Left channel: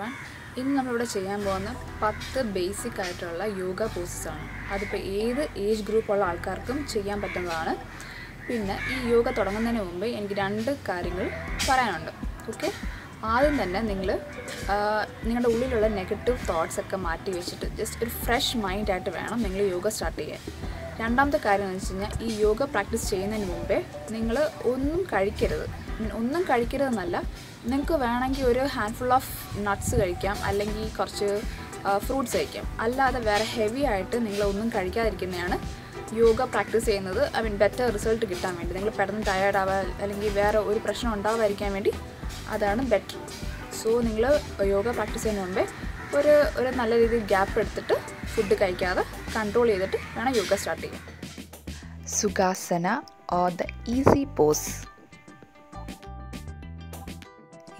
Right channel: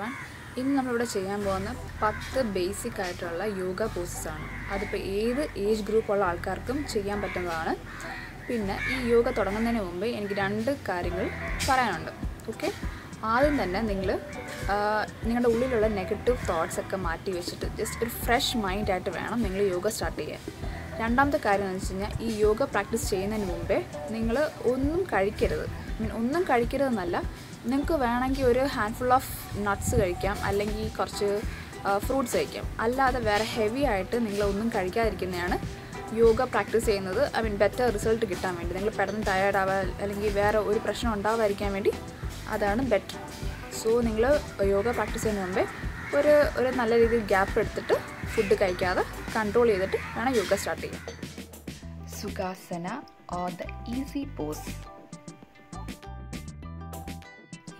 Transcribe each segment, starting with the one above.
everyone. ഇന്ന് നമ്മളിവിടെ ചെയ്യാൻ പോകുന്ന 10 ബേസിക് ആയിട്ടുള്ള യോഗ പോസസ് ആണ്. അതിപ്പോൾ ഏത് ഏജ് ഗ്രൂപ്പ് ഉള്ള ആൾക്കാർക്കും ചെയ്യാൻ പറ്റുന്നതാണ്. പിന്നെ ഈ യോഗ തുടങ്ങുന്നതിന് മുമ്പ് എനിക്ക് 2 കാര്യങ്ങൾ പറയാനുണ്ട്. ഓക്കെ, ആദ്യം തന്നെ നിങ്ങളുടെ ഉള്ളിലുള്ള നെഗറ്റീവ് തോട്ട്സ് ഒക്കെ മാറ്റി വെച്ചിട്ട് ജസ്റ്റ് ഒരു ഫ്രഷ് മൈൻഡായിട്ട് വേണം നിങ്ങൾ യോഗ സ്റ്റാർട്ട് ചെയ്യാൻ. രണ്ടാമത്തെ കാര്യം എന്ന് വെച്ച് കഴിഞ്ഞാൽ ഈ യോഗ പ്രാക്ടീസ് ചെയ്യുന്നതിന് മുമ്പേ നിങ്ങൾ ഒന്നും കഴിക്കരുത്. ഒന്നും കഴിക്കരുതെന്നല്ല, നിങ്ങൾക്ക് വേണമെങ്കിൽ ഒരു ഹാൻഡ്ഫുൾ ഓഫ് നട്ട്സ് കഴിക്കാം, അല്ലെങ്കിൽ കുറച്ച് ഫ്രൂട്ട്സ് കഴിക്കാം. അല്ലാതെ വേറെ ഹെവി ആയിട്ട് നിങ്ങളൊന്നും കഴിക്കാതിരിക്കുന്നതാണ് യോഗ പ്രാക്ടീസ് ചെയ്യുന്നത്. ബെറ്റർ റിസൾട്ട് കിട്ടാൻ വേണ്ടി, നിങ്ങൾ പെട്ടെന്ന് ടയേർഡ് ആവാൻ അല്ലെങ്കിൽ വേറെ ഒരു പ്രശ്നം ഉണ്ടാവാതിരിക്കാൻ വേണ്ടി അതാണ് ബെറ്റർ. സോ നിങ്ങൾ യോഗ പ്രാക്ടീസ് ചെയ്യുന്നതിന് മുമ്പേ ഒരു നല്ല രീതിയിൽ ഗ്യാപ്പ് എടുത്തിട്ട് ഫുഡ് കഴിക്കാതെ കൺട്രോൾ ചെയ്തിട്ട് വേണം യോഗ സ്റ്റാർട്ട് ചെയ്യാൻ. സുഖാസന ഓർ ദ ഈസി പോസ്.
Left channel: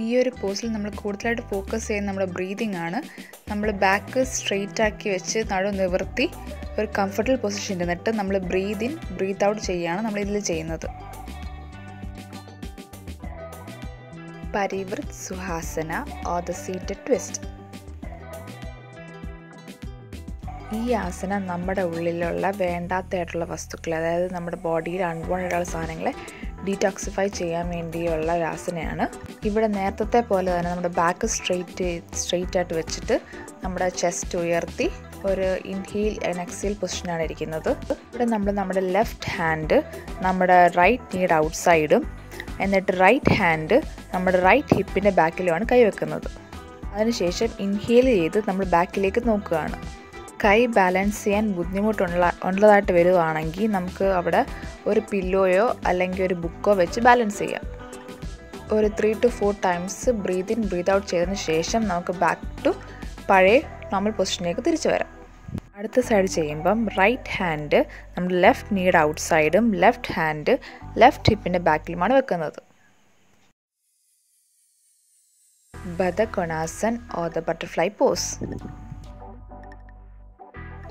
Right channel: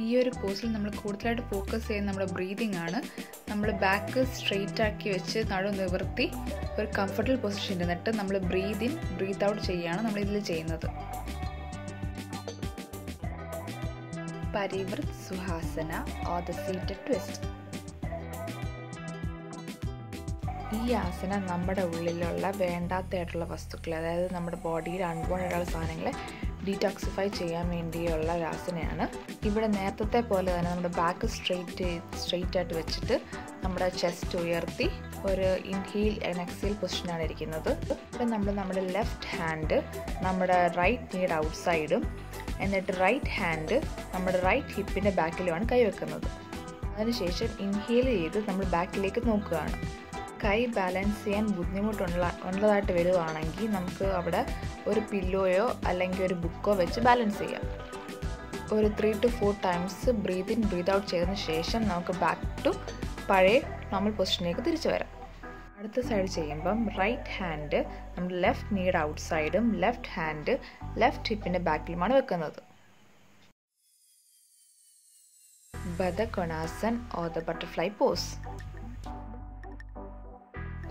ഈ ഒരു പോസിൽ നമ്മൾ കൂടുതലായിട്ട് ഫോക്കസ് ചെയ്യുന്ന നമ്മുടെ ബ്രീതിങ് ആണ്. നമ്മൾ ബാക്ക് സ്ട്രെയിറ്റ് ആക്കി വെച്ച് നടു നിവർത്തി ഒരു കംഫർട്ടബിൾ പൊസിഷൻ ഇരുന്നിട്ട് നമ്മൾ ബ്രീത്ത് ഇൻ ബ്രീത്ത് ഔട്ട് ചെയ്യുകയാണ് നമ്മളിതിൽ ചെയ്യുന്നത്. പരിവൃത് സുഹാസന ഓർ ദ സീറ്റഡ് ട്വിസ്റ്റ്. ഈ ആസനം നമ്മുടെ ഉള്ളിലുള്ള വേണ്ടാത്തതായിട്ടുള്ള വസ്തുക്കൾ, അതായത് നമ്മുടെ ബോഡിയിൽ അൺവാണ്ടഡ് ആയ സാധനങ്ങളെ ഡീടോക്സിഫൈ ചെയ്യാൻ വേണ്ടിയുള്ള ഒരു ആസനയാണ്. ഇവിടെ നേരത്തെ പോലെ തന്നെ നമ്മുടെ ബാക്ക് സ്ട്രെയിറ്റ് ആയിട്ട് വെച്ചിട്ട് നമ്മുടെ ചെസ്റ്റ് ഉയർത്തി ഒരു ഇൻഹീൽ ആൻഡ് എക്സീൽ പൊസിഷനാണ് ഇരിക്കുന്നത്. ഇവിടെ നമ്മൾ നമ്മുടെ ലെഫ്റ്റ് ഹാൻഡ് നമ്മുടെ റൈറ്റ് നീഡ് ഔട്ട് സൈഡും എന്നിട്ട് റൈറ്റ് ഹാൻഡ് നമ്മുടെ റൈറ്റ് ഹിപ്പിൻ്റെ ബാക്കിലുമാണ് കൈവെക്കുന്നത്. അതിനുശേഷം ഇൻഹീൽ ചെയ്ത് നമ്മൾ ബാക്കിലേക്ക് നോക്കുകയാണ്. കൈ ബാലൻസ് ചെയ്യാൻ ബുദ്ധിമുട്ടുള്ളതായിട്ട് വരുവാണെങ്കിൽ നമുക്ക് അവിടെ ഒരു പില്ലോയോ അല്ലെങ്കിൽ ഒരു ബുക്കോ വെച്ച് ബാലൻസ് ചെയ്യാം. ഒരു 3 to 4 times breathe in breathe out ചെയ്തതിന് ശേഷം നമുക്ക് ബാക്ക് ടു പഴയ നോർമൽ പൊസിഷനിലേക്ക് തിരിച്ചു വരാം. അടുത്ത സൈഡ് ചെയ്യുമ്പം റൈറ്റ് ഹാൻഡ് നമ്മുടെ ലെഫ്റ്റ് നീഡ് ഔട്ട് സൈഡും ലെഫ്റ്റ് ഹാൻഡ് ലെഫ്റ്റ് ഹിപ്പിൻ്റെ ബാക്കിലുമാണ് വെക്കുന്നത്. ബദകൊണാസൻ ഓർ ദ ബട്ടർഫ്ലൈ പോസ്.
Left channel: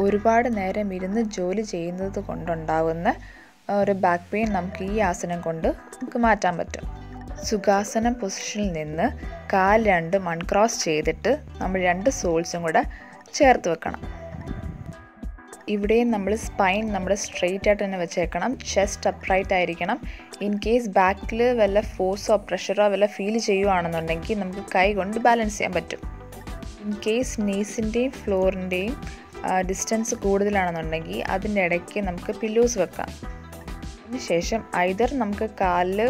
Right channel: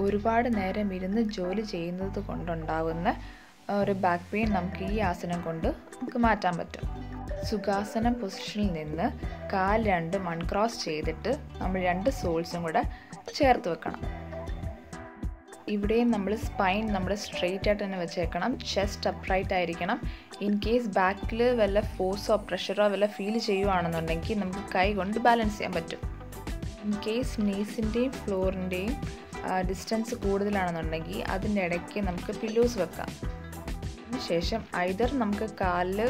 ഒരുപാട് നേരം ഇരുന്ന് ജോലി ചെയ്യുന്നത് കൊണ്ടുണ്ടാവുന്ന ഒരു ബാക്ക് പെയിൻ നമുക്ക് ഈ ആസനം കൊണ്ട് നമുക്ക് മാറ്റാൻ പറ്റും. സുഖാസനം പൊസിഷനിൽ നിന്ന് കാൽ രണ്ടും അൺക്രോസ് ചെയ്തിട്ട് നമ്മൾ 2 സോൾസും കൂടെ ചേർത്ത് വെക്കണം. ഇവിടെയും നമ്മൾ സ്പൈൻ നമ്മുടെ സ്ട്രെയിറ്റ് ആയിട്ട് തന്നെ വെച്ചേക്കണം. ചെസ്റ്റ് അപ്രൈറ്റ് ആയിരിക്കണം. ഇൻ കേസ് ബാക്കിൽ വല്ല ഫോഴ്സോ പ്രഷറോ വല്ല ഫീൽ ചെയ്യുകയാണെന്നുണ്ടെങ്കിൽ നമുക്ക് കൈ കൊണ്ട് ബാലൻസ് ചെയ്യാൻ പറ്റും. ഇൻ കേസ് നീസിൻ്റെയും ഫ്ലോറിൻ്റെയും ഡിസ്റ്റൻസ് കൂടുതലാണെന്നുണ്ടെങ്കിൽ അതിൻ്റെ ഇടയ്ക്ക് നമുക്ക് പില്ലോസ് വെക്കാം. അതിനുശേഷം ഐദർ നമുക്ക് കാലിൻ്റെ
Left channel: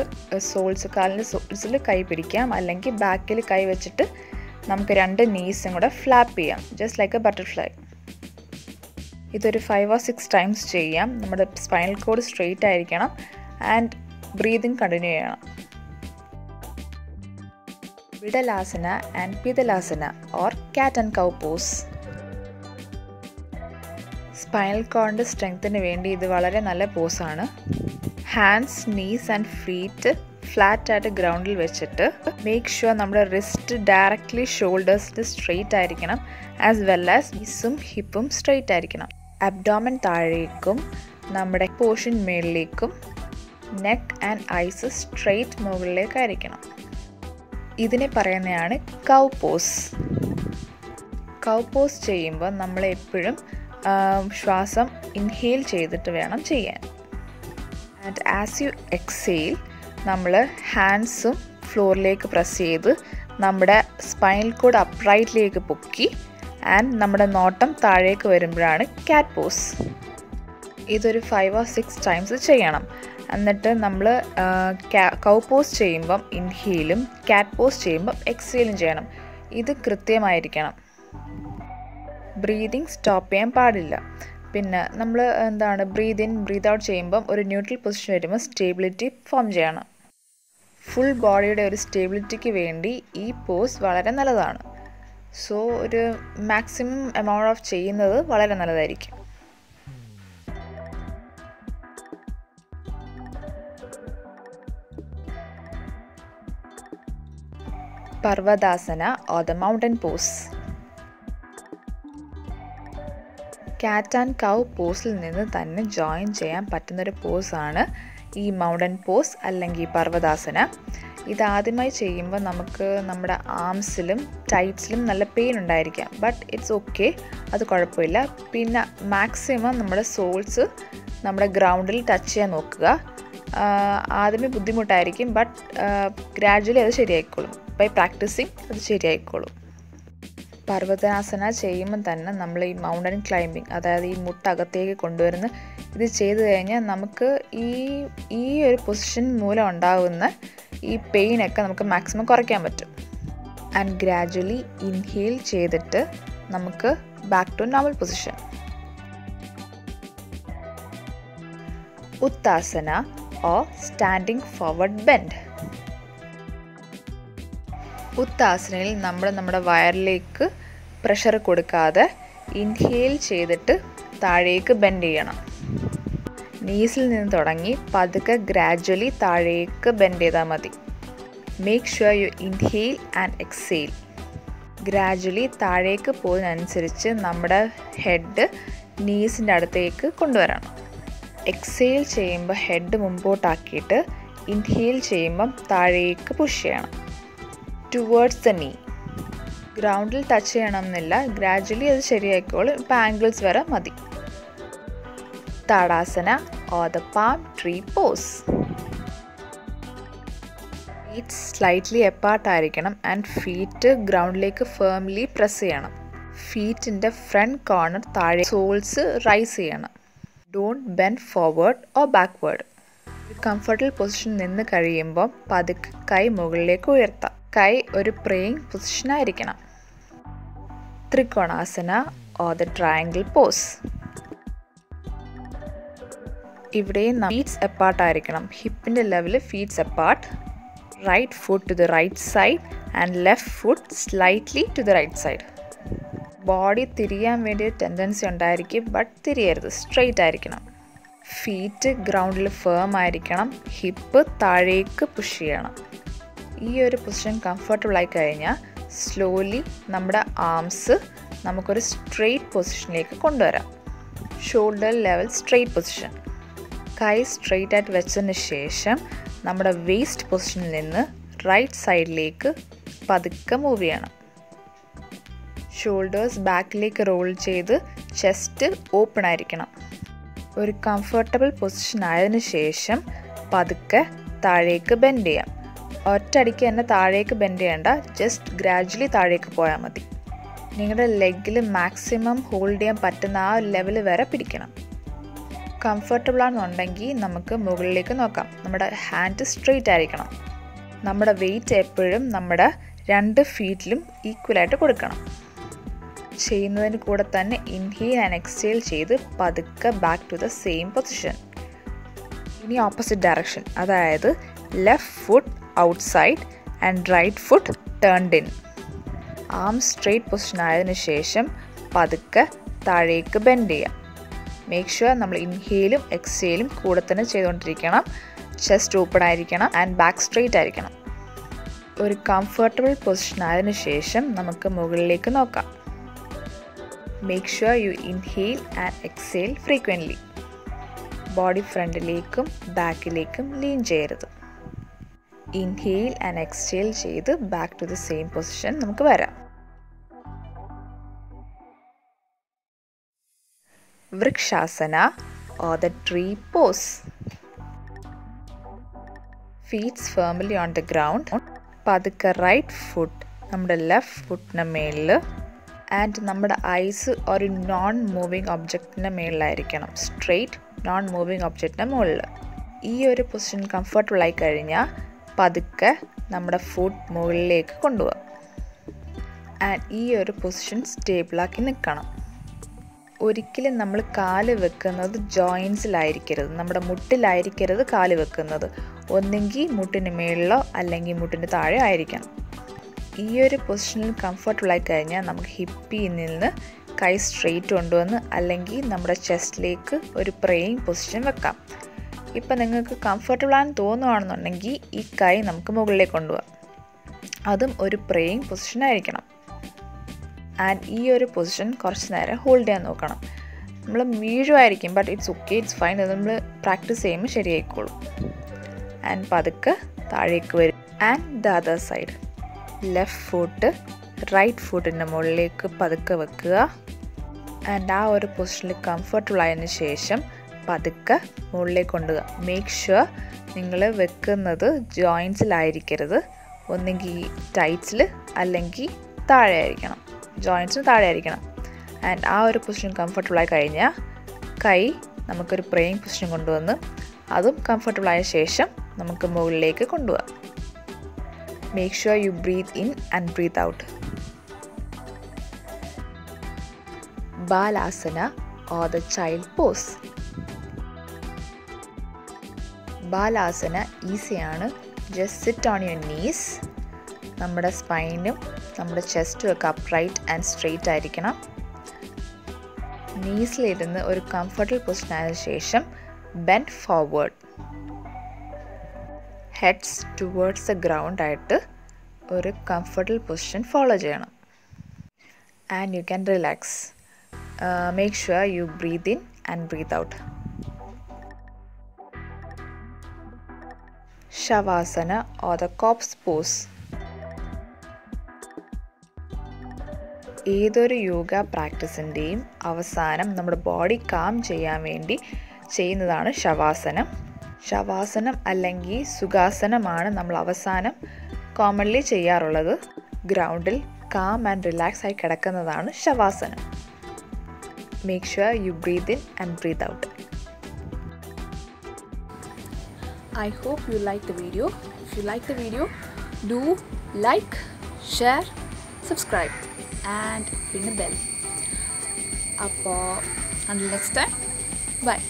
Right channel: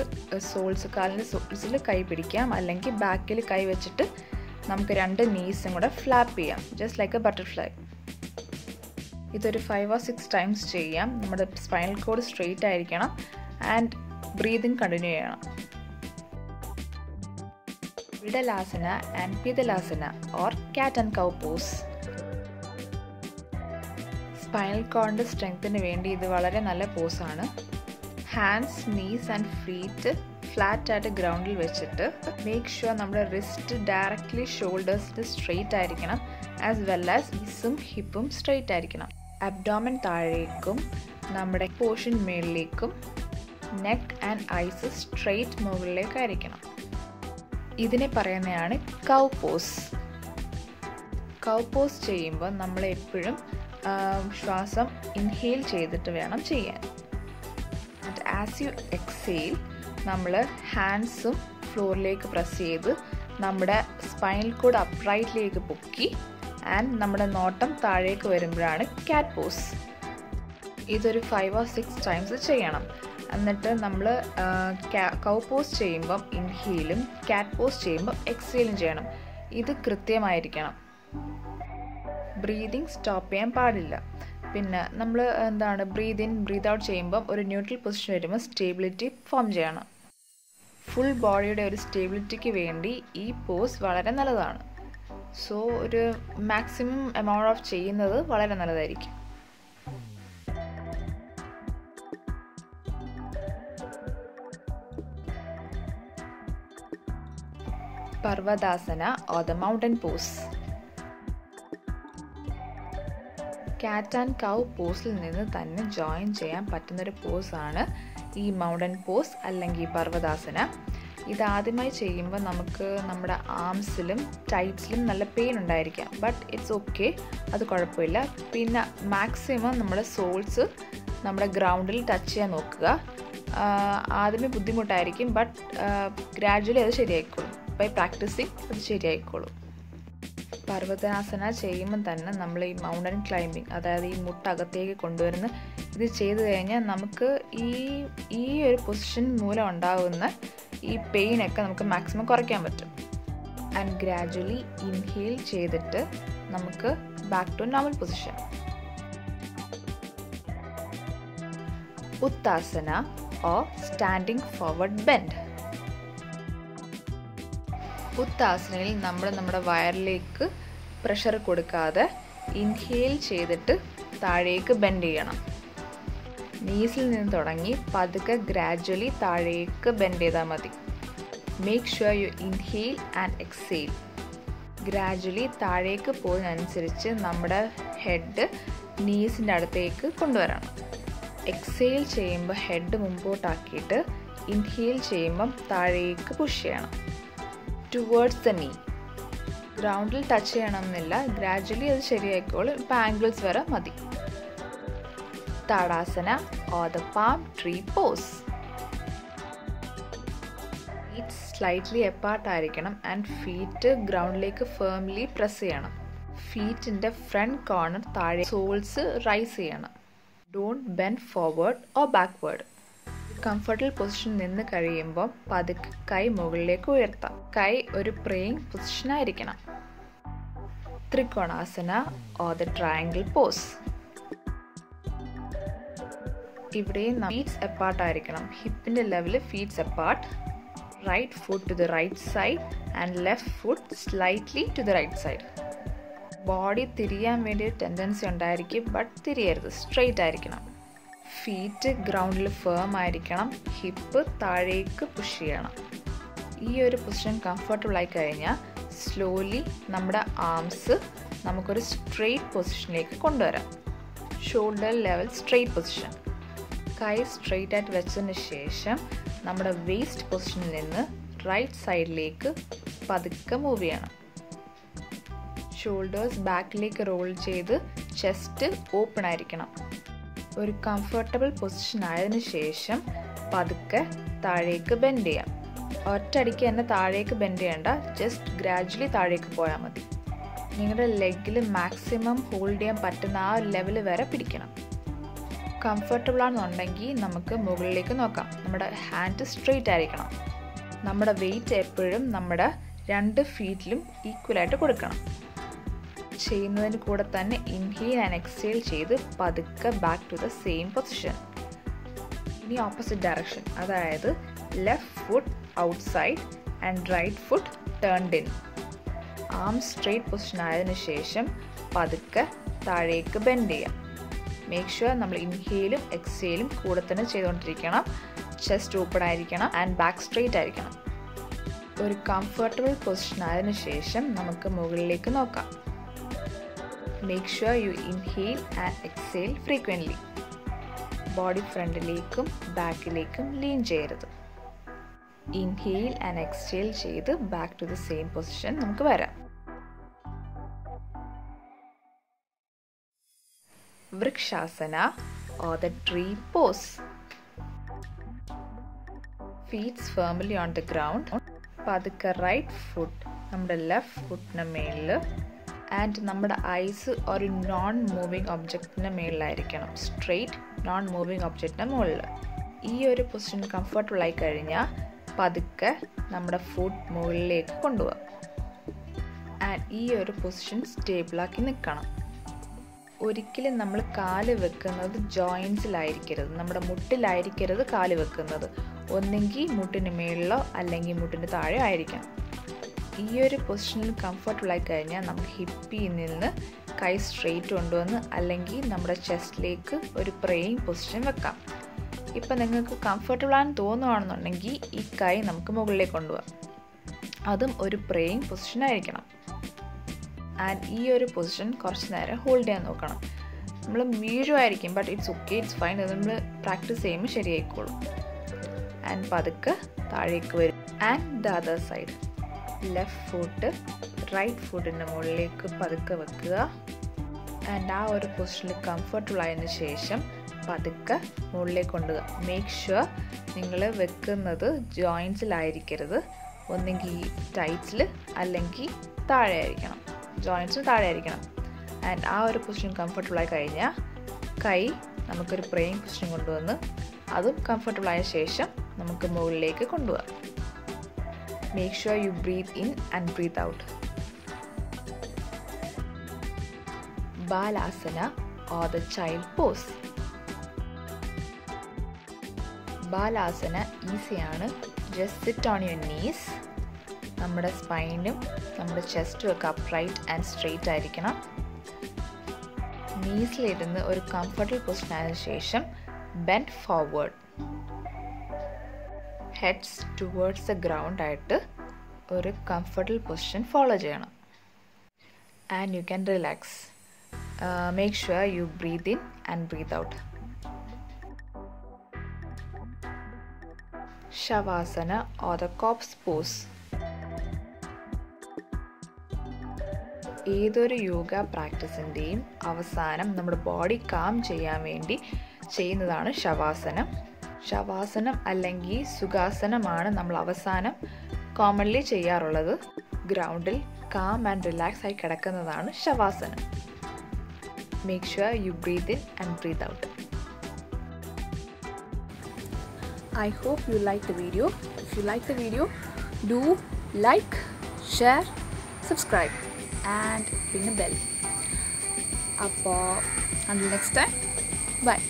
സോൾസിൽ കൈ പിടിക്കാം, അല്ലെങ്കിൽ ബാക്കിൽ കൈ വെച്ചിട്ട് നമുക്ക് 2 നീസും കൂടെ ഫ്ലാപ്പ് ചെയ്യാം, ജസ്റ്റ് ലൈക്ക് എ ബട്ടർഫ്ലൈ. ഇതൊരു 5 or 6 ടൈംസ് ചെയ്യാം. നമ്മുടെ സ്പൈനൽ കോഡ് സ്ട്രെയിറ്റ് ആയിരിക്കണം ആൻഡ് ബ്രീതിങ് കണ്ടിന്യൂ ചെയ്യണം. വിടലാസന ആൻഡ് പിതലാസന or cat and cow pose. Spinal കോഡിൻ്റെ സ്ട്രെങ്ത്തിന് വേണ്ടി ഇത് വളരെ നല്ല പോസാണ്. Hands, knees and feet flat ആയിട്ട് ഗ്രൗണ്ടിൽ വെച്ചിട്ട് മേക്ക് ഷുവർ നമ്മുടെ റിസ്റ്റ് ഡയറക്റ്റ്ലി ഷോൾഡേഴ്സിന് സ്ട്രെയിറ്റ് ആയിരിക്കണം, ആസ് വെൽ ആസ് നീസും ഹിപ്പും സ്ട്രെയിറ്റ് ആയിരിക്കണം. അബ്ഡോമൻ താഴേക്കും നമ്മുടെ പോർഷൻ മേളിലേക്കും നെക്ക് ആൻഡ് ഐസ് സ്ട്രെയിറ്റ് മുകളിലേക്കായിരിക്കണം. ഇതിനെ പറയുന്നതാണ് കൗ പോസ്. കൗ പോസ് ചെയ്യുമ്പോൾ നമ്മൾ എപ്പോഴും ശ്വാസം ഇൻഹെയിൽ ചെയ്തിട്ട് വേണം ചെയ്യാൻ. ആൻഡ് ആസ് യു എക്സെയിൽ നമ്മൾ ഹാൻഡ്സും ഫ്ലോറിലേക്ക് പ്രസ് ചെയ്ത് നമ്മുടെ സ്പൈനൽ കോഡ് അപ്രൈറ്റിലേക്ക് പൊക്കി ആൻഡ് നമ്മുടെ നോട്ടം താഴേക്ക് വരുമ്പോഴാണ് കാറ്റ് പോസ്. ഇതൊരു 5 or 6 ടൈംസ് ചെയ്യണം. എന്നിട്ട് നമ്മൾ കൗ പോസ് ചെയ്യുമ്പം ഇൻഹെയിലും കാറ്റ് പോസ് ചെയ്യുമ്പം എക്സെയിലും ചെയ്യണം. ഇത് കൃത്യമായിരിക്കണം. ബ്രീതിങ് സ്റ്റോപ്പ് ചെയ്യാൻ പാടില്ല. പിന്നെ നമ്മൾ ബ്രീത്ത് ഇൻ ബ്രീത്ത് ഔട്ട് ചെയ്യുമ്പം ഒരു ന്യൂട്രൽ പൊസിഷൻ വരുമ്പോൾ സ്റ്റേബിലിറ്റി ഫോം ചെയ്യണം. ഫുൾ ബോഡിയുടെ ഒരു സ്റ്റേബിലിറ്റിക്ക് വേണ്ടി ഈ പോസ് വളരെ നല്ലതാണ്. സോ ഒരു മാക്സിമം എമൗണ്ട് ഓഫ് ചെയ്യുന്നത് വളരെ നല്ലതായിരിക്കും. പർവ്വതാസന ഓർ ദ മൗണ്ടൻ പോസ്. കാറ്റ് ആൻഡ് കൗ പോസിൽ നിന്ന് തന്നെ ജോയിൻ ചെയ്യാൻ പറ്റുന്നൊരു പോസാണ് ഈ മൗണ്ടൻ പോസ് അല്ലെങ്കിൽ പർവ്വതാസന. ഇതാദ്യമായി ചെയ്യുമ്പോൾ നമുക്ക് നമ്മുടെ ആംസിലും ടൈറ്റ്സിലും നല്ല പെയിൻ ഉണ്ടായിരിക്കാം. ബട്ട് ഇറ്റ്സ് ഓക്കെ, അത് കുഴപ്പമില്ല. പിന്നെ മാക്സിമം നമ്മുടെ സോൾസ് നമ്മുടെ ഗ്രൗണ്ടിൽ ടച്ച് ചെയ്യാൻ നോക്കുക. ആദ്യമേ ബുദ്ധിമുട്ടായിരിക്കും, ബട്ട് ഗ്രാജുവലി അത് ശരിയായിക്കോളും. ബൈ പ്രാക്ടീസിങ് അത് ശരിയായിക്കോളും. പർവ്വതാസന ചെയ്യുമ്പം തന്നെ നമ്മൾ ഈ മൗണ്ടൻ ക്ലൈമ്പിങ്, അതായത് ഈ മുട്ടകത്തേക്ക് കൊണ്ടുവരുന്ന ഇത് ചെയ്തു കഴിഞ്ഞാൽ നമുക്ക് ഈ ഒരു പൊസിഷൻ മൂലം ഉണ്ടാകുന്ന ഈ പെയിനൊക്കെ നമുക്ക് മാക്സിമം കുറയ്ക്കാൻ പറ്റും. ആൻഡ് ഗ്രാജുവലി ഇൻഹെയിൽ ചെയ്തിട്ട് നമുക്ക് back to normal position. Uttanasana or standing forward bend. ഉത്താസനയിൽ നമ്മുടെ വയറിലേക്ക് പ്രഷർ കൊടുക്കാതെ ഇൻഹെയിൽ ചെയ്തിട്ട് താഴേക്ക് ബെൻഡ് ചെയ്യണം. നീസിൽ നിന്ന് തുടങ്ങി പതുക്കെ ഗ്രാജുവലി താഴേക്ക് ബെൻഡ് ചെയ്താൽ മതി. Make sure you inhale and exhale. Gradually താഴേക്ക് പോകുന്നതനുസരിച്ച് നമ്മുടെ ഹെഡ് നീസിൻ്റെ അടുത്തേക്ക് കൊണ്ടുവരണം. എക്സെയിൽ ചെയ്യുമ്പോൾ ഹെഡ് മുമ്പോട്ടാക്കിയിട്ട് ഇൻഹെയിൽ ചെയ്യുമ്പം താഴേക്ക് പുഷ് ചെയ്യണം ടുവേർഡ്സ് ദ നീ. ഗ്രൗണ്ടിൽ ടച്ച് ചെയ്യണമെന്നില്ല, ഗ്രാജുവലി അത് ശരിയായിക്കോളും. ഇപ്പം ആംഗിൾസ് വരെ മതി. Tadasana or the palm tree pose. Feet slightly എപ്പാർട്ടായിരിക്കണം ആൻഡ് ഫീറ്റ് ഗ്രൗണ്ടിലേക്ക് ഫേംലി പ്രസ് ചെയ്യണം. ഫീറ്റിൻ്റെ ഫ്രണ്ട് കോർണർ താഴെ, സോൾസ് റൈസ് ചെയ്യണം. Don't bend forward or backward. Comfortable position നിന്ന് കഴിയുമ്പോൾ പതുക്കെ കൈ മുകളിലേക്ക് ഉയർത്താം. കൈ ഒരു പ്രേയിങ് പൊസിഷനായിരിക്കണം. Trikonasana or the triangle pose. ഇവിടെയും ഫീറ്റ്സ് എപ്പാർട്ട് ആയിരിക്കണം. ഹിപ്പിൻ്റെ level feets apart. Right foot to the right side and left foot slightly to the right side. Body തിരിയാൻ വേണ്ടി ഒരു ടെൻഡൻസി ഉണ്ടായിരിക്കും, ബട്ട് തിരിയരുത്, സ്ട്രെയിറ്റ് ആയിരിക്കണം. ഫീറ്റ് ഗ്രൗണ്ടിൽ ഫേം ആയിരിക്കണം. ഹിപ്പ് താഴേക്ക് പുഷ് ചെയ്യണം. ഈ ഒരു പൊസിഷൻ കംഫർട്ടബിൾ ആയി കഴിഞ്ഞാൽ സ്ലോലി നമ്മുടെ ആംസ് നമുക്കൊരു സ്ട്രെയിറ്റ് പൊസിഷനിലേക്ക് കൊണ്ടുവരാം. Shoulder level straight position. കൈ സ്ട്രെയിറ്റ് ആയിട്ട് വെച്ചതിന് ശേഷം നമ്മുടെ വേസ്റ്റ് പൊസിഷനിൽ നിന്ന് റൈറ്റ് സൈഡിലേക്ക് പതുക്കെ മൂവ് ചെയ്യണം. ഷോൾഡേഴ്സ് ബാക്കിലേക്ക് റോൾ ചെയ്ത് ചെസ്റ്റ് ഓപ്പൺ ആയിരിക്കണം. ഒരു കംഫർട്ടബിൾ പൊസിഷൻ ആയതിനു ശേഷം പതുക്കെ താഴേക്ക് ബെൻഡ് ചെയ്യാം. ഒറ്റയടിക്ക് തന്നെ താഴേക്ക് ബെൻഡ് ചെയ്യേണ്ട, ജസ്റ്റ് ഗ്രാജുവലി താഴേക്ക് പോയാൽ മതി. നിങ്ങളുടെ ലെഗിൽ മാക്സിമം ഹോൾഡ് ചെയ്യാൻ പറ്റുന്ന ആ ലെവൽ വരെ പിടിക്കണം. കംഫർട്ടബിൾ ആണെന്നുണ്ടെങ്കിൽ നമുക്ക് മുകളിലേക്ക് നോക്കാം. നമ്മുടെ ഹാൻഡ് സ്ട്രെയിറ്റ് ആയിരിക്കണം. നമ്മുടെ വെയിറ്റ് എപ്പോഴും നമ്മുടെ 2 ഫീറ്റിലും ഈക്വലായിട്ട് കൊടുക്കണം. ചെയ്യുന്നതിന് കൂടെ തന്നെ ഇൻഹെയിൽ ആൻഡ് എക്സെയിൽ ചെയ്ത് പതുക്കെ back to the same position. ഇനി ഓപ്പോസിറ്റ് ഡയറക്ഷൻ, അതായത് left foot outside and right foot turned in. Arm straight position ആയതിനു ശേഷം പതുക്കെ താഴേക്ക് ബെൻഡ് ചെയ്യാം. മേക്ക് ഷുവർ നമ്മൾ ഇൻഹെയിലും എക്സെയിലും കൂടെ തന്നെ ചെയ്തുകൊണ്ടിരിക്കണം. ചെസ്റ്റ് ഓപ്പൺ ആയിരിക്കണം ആൻഡ് ബാക്ക് സ്ട്രെയിറ്റ് ആയിരിക്കണം. ഒരു കംഫർട്ടബിൾ പൊസിഷൻ ആയതിനു ശേഷം നമുക്ക് മുകളിലേക്ക് നോക്കാം. Make sure you inhale and exhale frequently. Body ഫ്രണ്ടിലേക്കും ബാക്കിലേക്കും ലീൻ ചെയ്യരുത്. ഇൻഹെയിൽ ആൻഡ് എക്സെയിൽ ചെയ്ത് back to the same position നമുക്ക് വരാം. Vrikshasana or the tree pose. Feets firmly on the ground. പതുക്കെ റൈറ്റ് ഫുട്ട് നമ്മുടെ ലെഫ്റ്റ് ഫുട്ടിന് മേളിൽ ആൻഡ് നമ്മുടെ ഐസ് ഒരു നോൺ മൂവിങ് ഒബ്ജക്റ്റിൻ്റെ മേളിലായിരിക്കണം. സ്ട്രെയിറ്റ് നോൺ മൂവിങ് ഒബ്ജക്റ്റിൻ്റെ മുകളിൽ. ഈ ഒരു പൊസിഷൻ കംഫർട്ടബിൾ ആയി കഴിഞ്ഞാൽ പതുക്കെ നമ്മുടെ ഫുട്ട് മുകളിലേക്ക് കൊണ്ടുപോകാം. ആൻഡ് ഈ ഒരു പൊസിഷൻ സ്റ്റേബിളാക്കി നിൽക്കണം. ഒരിക്കലും നമ്മൾ കാല് വെക്കുന്നത് ജോയിൻസിലായിരിക്കരുത്, നമ്മുടെ മുട്ടിലായിരിക്കരുത് കാല് വെക്കുന്നത്. ഒന്നെങ്കിൽ മുട്ടിന് മേളിലോ അല്ലെങ്കിൽ മുട്ടിന് താഴെ ആയിരിക്കണം. ഈ ഒരു പൊസിഷനിൽ കംഫർട്ടബിൾ ആയി കഴിഞ്ഞാൽ നമുക്ക് ഹിപ്പിൽ നിന്ന് കൈ സ്ട്രെയിറ്റ് കൊണ്ടുവന്ന് അല്ലെങ്കിൽ നമ്മുടെ ചെസ്റ്റിലേക്ക് ഒരു പ്രേയിങ് പൊസിഷൻ വെക്കാം. ഇപ്പം നിങ്ങൾക്ക് കംഫർട്ടബിൾ ആണെന്ന് തോന്നുകയാണെന്നുണ്ടെങ്കിൽ ഈ കൈ നമുക്ക് മുകളിലേക്ക് കൊണ്ടുപോകാം. അതും ഒരു പ്രേയിങ് പൊസിഷൻ ആയിരിക്കണം. ആൻഡ് ഈ ഒരു പൊസിഷൻ കുറച്ച് നേരം ഹോൾഡ് ചെയ്യാൻ നോക്കണം. നമ്മൾ വീഴുമായിരിക്കും, but it's okay, it's fine. അത് നമ്മൾ പ്രാക്ടീസ് ചെയ്യുമ്പോൾ ശരിയായിക്കോളും. ആൻഡ് പതുക്കെ താഴേക്ക് വരും. And the other side. Left foot right ഫുട്ടിൻ്റെ മുകളിലേക്ക് പതുക്കെ വെക്കുക. ആൻഡ് ആ ഒരു പൊസിഷനിൽ കംഫർട്ടബിൾ ആയതിനു ശേഷം പതുക്കെ മുകളിലേക്ക് കൊണ്ടുപോകുക. മേക്ക് ഷുവർ നിങ്ങൾ വെക്കുന്നത് ജോയിൻസിലായിരിക്കരുത്. ഒന്നെങ്കിൽ ടൈറ്റ്സിൽ അല്ലെങ്കിൽ താഴെ ആയിരിക്കണം. ജോയിൻസിന് താഴെ ആയിരിക്കണം. ആൻഡ് ആ ഒരു പൊസിഷൻ കംഫർട്ടബിളായി കഴിഞ്ഞാൽ കൈ നമുക്കൊരു പ്രേയിങ് പൊസിഷൻ കൊണ്ടുവന്ന് അതും കംഫർട്ടബിളായ ശേഷം നമുക്ക് മുകളിലേക്ക് കൊണ്ടുപോകാം. Make sure you breathe in and breathe out. Balasana or the child pose. Balasana ഈസിയാണ്. Just sit on your knees. നമ്മുടെ സ്പൈനും നമ്മുടെ ചെസ്റ്റും ഒക്കെ അപ്രൈറ്റ് ആൻഡ് സ്ട്രെയിറ്റ് ആയിരിക്കണം. നീസിലിരുന്ന് ഒരു കംഫർട്ടബിൾ പൊസിഷൻ ആയതിനു ശേഷം bend forward. Heads towards the ground ആയിട്ട് ഒരു കംഫർട്ടബിൾ പൊസിഷൻ ഫോളോ ചെയ്യണം. And you can relax. Make sure you breathe in and breathe out. Shavasana or the corpse pose. ഏതൊരു യോഗ പ്രാക്ടീസിൻ്റെയും അവസാനം നമ്മുടെ ബോഡി കാം ചെയ്യാൻ വേണ്ടി ചെയ്യുന്നതാണ് ശവാസനം. ശവാസനം അല്ലെങ്കിൽ സുഖാസനമാണ് നമ്മൾ അവസാനം കോമൺലി ചെയ്യാറുള്ളത്. ഗ്രൗണ്ടിൽ കാം ആൻഡ് റിലാക്സ് ആയി കിടക്കുന്നതാണ് ശവാസനം. Make sure you breathe in and breathe out. I hope you like the video. If you like the video, do like, share, subscribe and ring the bell. Until next time, bye.